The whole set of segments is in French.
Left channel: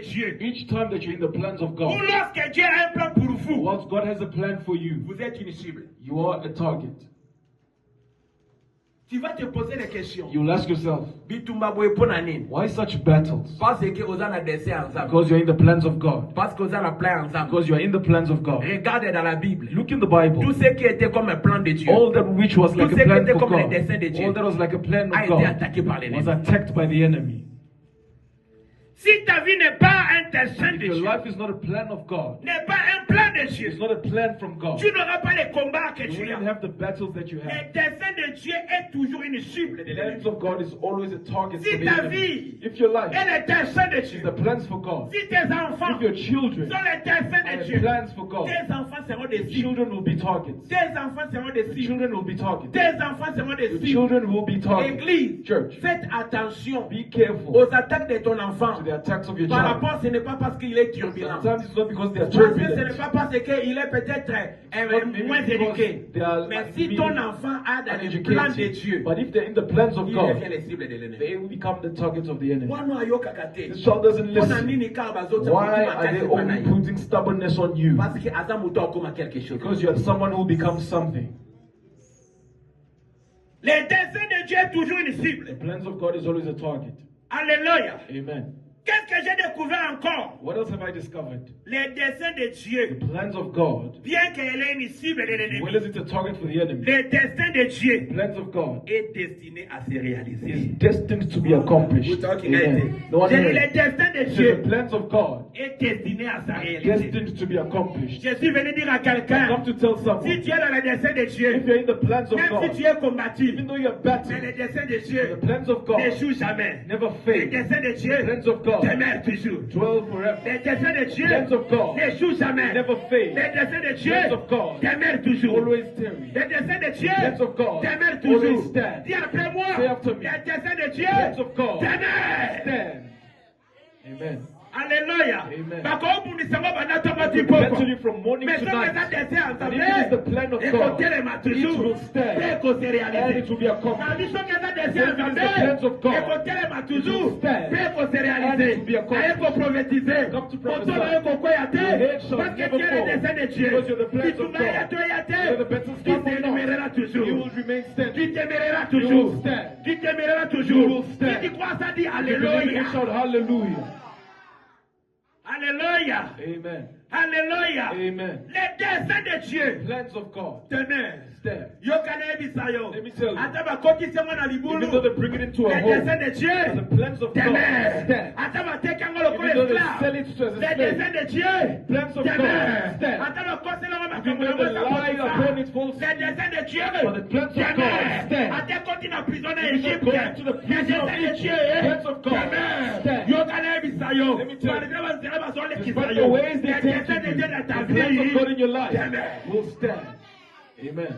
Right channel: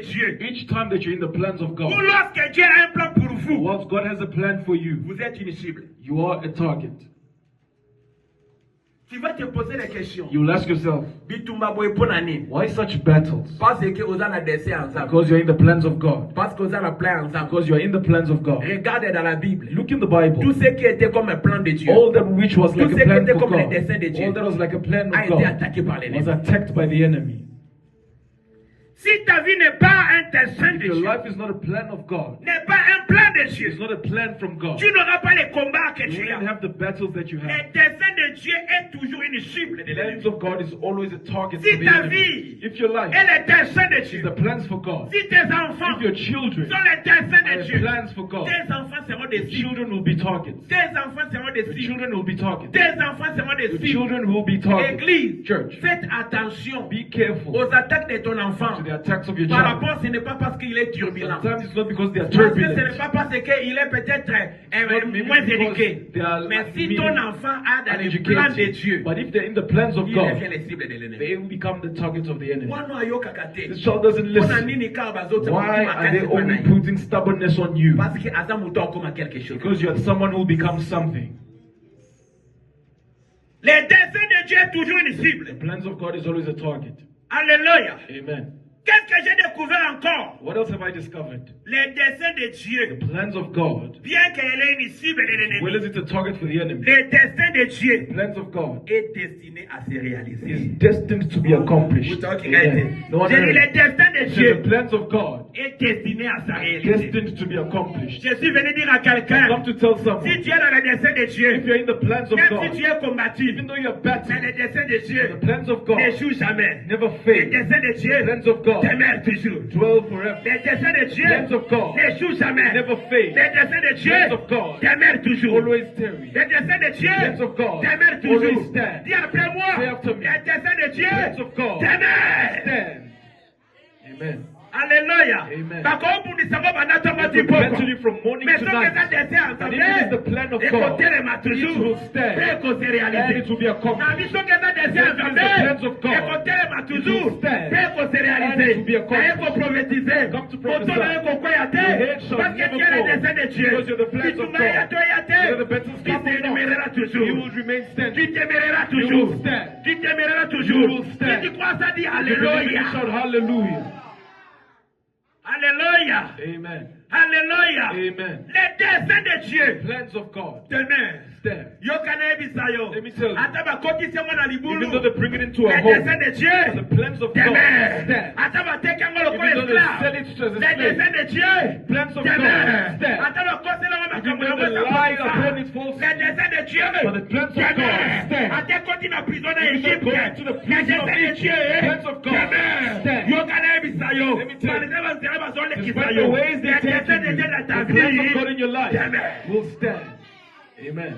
de Dieu, each time that you're in the plans of ou God, lorsque Dieu a un plan pour vous, once God has a plan for you, vous êtes une cible. you are a target. Tu vas te poser des questions. You'll ask yourself, Bitumabwe ponani. why such battles? Parce que vous avez dessin ensemble. Because you're in the plans of God. Parce que vous avez plan ensemble. Because you're in the plans of God. Regardez dans la Bible. Look in the Bible. Tout ce qui était comme un plan de Dieu All that which was like Tout a ce qui plan était for comme les God, desseins de Dieu all that was like a plan a of été God, attaqué par was l'ennemi. attacked by the enemy. Si ta vie n'est pas un dessein If de your Dieu, life is not a plan of God, n'est pas un plan de Dieu, it's not a plan from God, tu n'auras pas les combats que you tu won't as. have the battles that you Le have. dessein de Dieu est toujours une cible de The plans l'ennemi. of God is always a target Si for the ta enemy. vie If your life est le dessein de is Dieu, the plans for God, si tes enfants if your children sont les desseins de are Dieu, plans for God, tes enfants seront des the cibles. children will be targets. Tes enfants seront des The cibles. children will be targets. Tes enfants seront des The cibles. children will be targets. Église, Church, faites attention be careful aux attaques de ton enfant. to the attacks of your Par child. rapport, ce n'est pas parce qu'il est turbulent. Sometimes it's not because they are Parce que ce n'est turbulent. pas parce qu'il est peut-être Maybe moins because éduqué. they are Mais si maybe ton enfant a dans les plans de uneducated. Dieu, But if they're in the plans of il God, devient les cibles de l'ennemi. they will become the targets of the enemy. Wana ayoka kate. This child doesn't Mpona listen. nini kaka bazotia Why mutu are they makasi kwa only naye? putting stubbornness on you? Parce que aza mutu akoma quelque chose. Because you're someone who becomes something. Les desseins de Dieu est toujours une The cible. plans of God is always a target. Alléluia. Amen. Qu'est-ce que j'ai découvert encore? What else have I discovered? Les desseins de The Dieu, plans of God, bien qu'elle ait une cible de as well l'ennemi, as it's a target for the enemy, les desseins de Dieu the plans of God est destiné à se réaliser. is destined to be accomplished. Vous talking Amen. No one J'ai dit heard. les destins de So Dieu the plans of God est destiné à se réaliser. destined to be accomplished. Je suis venu dire à I quelqu'un, come to tell si someone, tu es dans les desseins de Dieu, if you're in the plans of même God, si tu es combattu, even though you're mais battling, les desseins de the Dieu plans of God n'échouent jamais. never Les fail. desseins de The Dieu plans of God demeurent toujours. dwell forever. Les desseins de Dieu Plans of God n'échouent jamais. never fail. Les desseins de Dieu Plans of God demeurent toujours. always tarry. Les desseins de Dieu Plans of God demeurent always toujours. stand. Dis après moi, Say after me. les desseins de Dieu Plans of God demeurent. stand. Amen. Alléluia. Amen. Mentally from morning mais to ce night. que ça désire, ça And if it is the plan of God, écoutez-les it will toujours. stand. Et qu'on se And réalise. it will be La accomplished. mission que ça If it désire, is the plans of God, écoutez-les it toujours. will stand. Et qu'on se And it réalise. will be accomplished. Et qu'on prophétiser. Come to Pour prophesy. toi, il faut quoi y a Your head shall parce que never tu es le fall. dessein de Dieu. Because you're the plans Si tu of m'as God. y a Whether the battles qui come or t'énumérera not, toujours. you will remain Qui standing. t'énumérera You toujours. will stand. Qui t'énumérera You toujours. will stand. Si tu crois ça, dis If you believe it, Alléluia. shout hallelujah. Alléluia. Amen. Alléluia. Amen. Les desseins de Dieu Plans of God demeurent. stand. Yo kana bisayo. Let me tell you. Ata bakotisa mwana libulu. Even though they bring it into a Les home, desseins de Dieu the plans of God demeurent. stand. Ata bateka ngolo Even kole though they esclave. sell it to as a Les slave, desseins de Dieu plans of demeurent. God stand. Ata bakosela ngoma Even though kamuna they lie upon its false, les desseins de Dieu but the plans of God demeurent. stand. Ata koti na prison na Even though Égypte. going to the Les prison of desseins de Dieu Egypt, plans of God demeurent. stand. Yo kana bisayo. Let me tell you. Despite Despite the ways they take desseins de you, Dieu dans ta the plans of God in vie your life demeurent. will stand. Amen.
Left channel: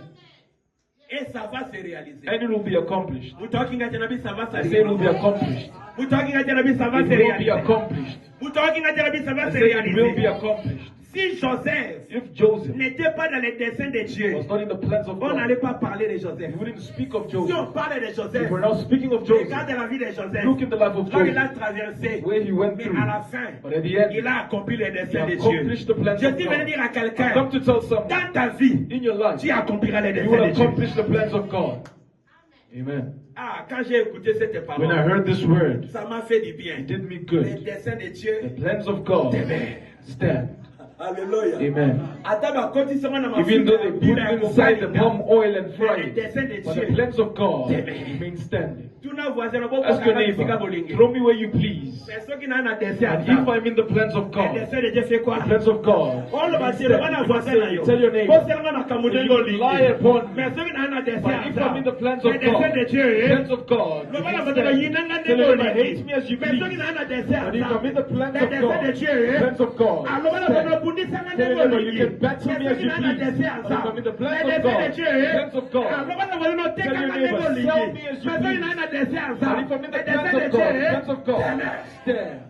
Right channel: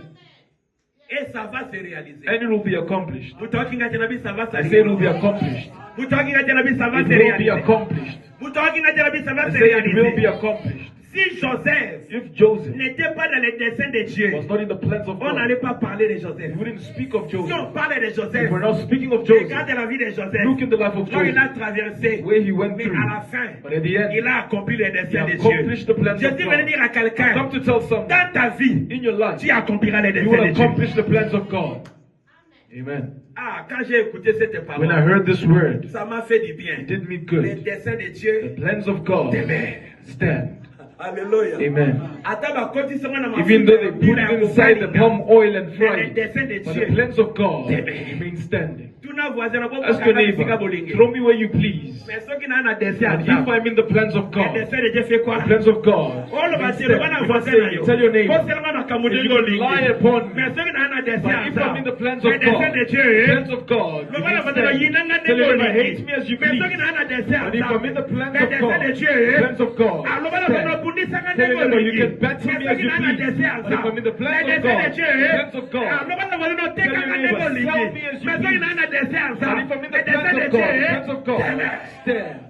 Et ça va se réaliser. And it will be accomplished. Mutalking at Janabi, ça va se I say it will be réaliser. accomplished. Mutalking at Janabi, ça va It se will be réaliser. accomplished. Mutalking at Janabi, ça va I se say it will be réaliser. accomplished. Si Joseph If Joseph n'était pas dans les desseins de Dieu, was not in the plans of on God, n'allait pas parler de Joseph. we wouldn't speak of Si on Joseph. parlait de If Joseph, we're not speaking of Joseph, regarde la vie de Joseph. look in the life of Quand il a Joseph, traversé, where he went mais through. à la fin, But at the end, il a accompli les he desseins de accomplished Dieu. the plans Je of suis venu God. dire à I've quelqu'un, come to tell someone, dans ta vie, in your life, tu accompliras les you desseins will de Dieu. accomplish the plans of God. Amen. Ah, quand j'ai écouté cette When I parole, heard this word, ça m'a fait du bien. it did me Les good. desseins de The Dieu plans of God stand. Alléluia. Amen. Ata bakoti sema na Even though they mafuta put ya it inside the kukalinga. palm oil and Les fry it, desseins de but the Dieu. plans of God Amen. remain standing. Tuna voisin na Ask your neighbor, throw me where you please. Mais ceux qui n'ont pas de dessein, And if I'm in the plans of les God, desseins de Dieu fait quoi? the plans of God, Oh, le bâtiment, stand. on a You voisin say, na yo. tell your neighbor, Ko seulement na kamude you ngo lie lingi. upon me. Mais ceux qui n'ont pas de But if I'm in the plans les of desseins God, de the Dieu, plans of God, le you bana can bana stand. yinanga Tell your ngo neighbor, hate me lingi. as you Mais ceux qui please. n'ont pas de dessein, But if I'm in the plans les of desseins de God, Dieu, the plans of God, ah, le bana bana stand. bundisanga Tell your ngo neighbor, you lingi. can battle Mais me ceux as qui you n'ont pas de please. dessein, But if I'm in the plans les of desseins God, de Dieu, the plans of ah, God, le bana bana no tell your tekanga neighbor, ngo sell lingi. me as Mais you ceux qui please. n'ont pas de dessein, But if I'm in the les plans desseins de of God, the Dieu, plans of God, stand.